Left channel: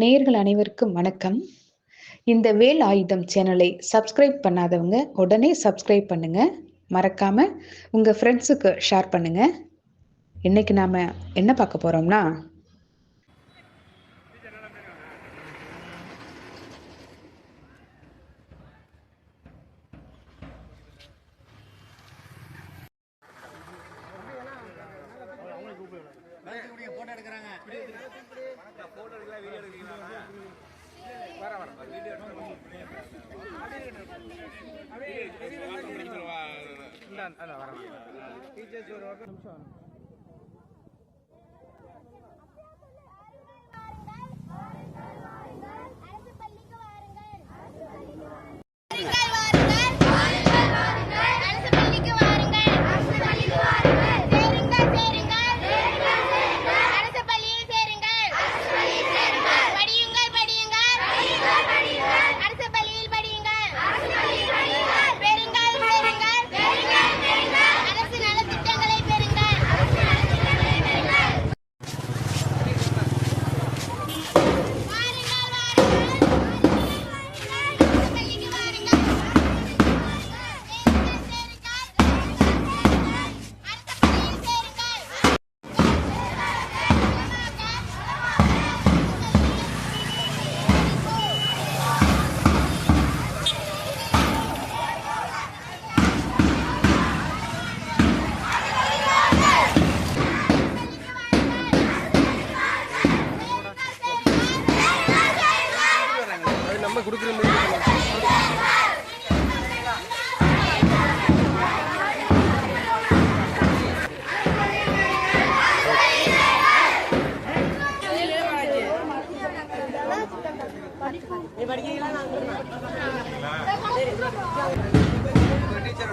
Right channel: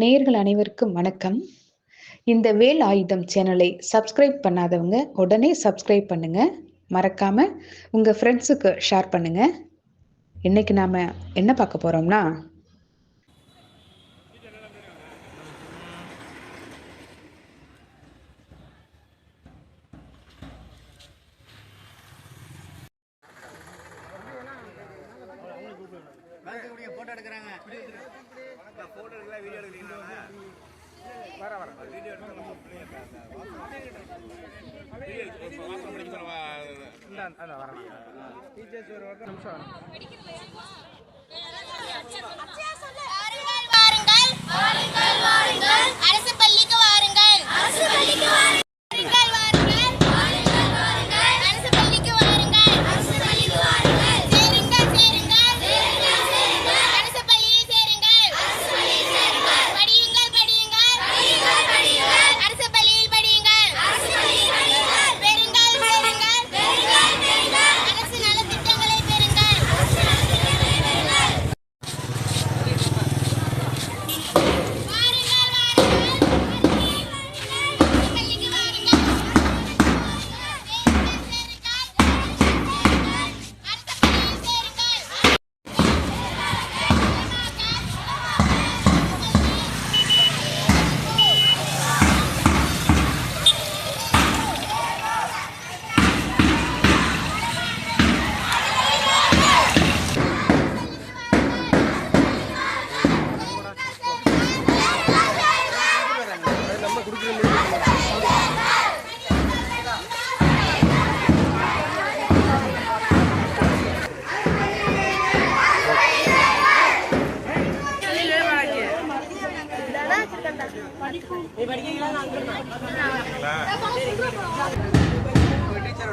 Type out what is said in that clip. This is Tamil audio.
நேர்கள் அனைவருக்கும் வணக்கம். இந்த வேல் ஆயுதம் சேனலை சப்ஸ்கிரைப் பண்ணாதவங்க உடனே சப்ஸ்கிரைப் பண்ணுங்க. மறக்காம உங்க ஃப்ரெண்ட்ஸுக்கு ஷேர் பண்ணுங்க. இன்னைக்கு நாம என்ன பார்க்க போறோம்னா டீச்சர்ஸ் ஒரு ஒரு நிமிஷம் டீச்சர்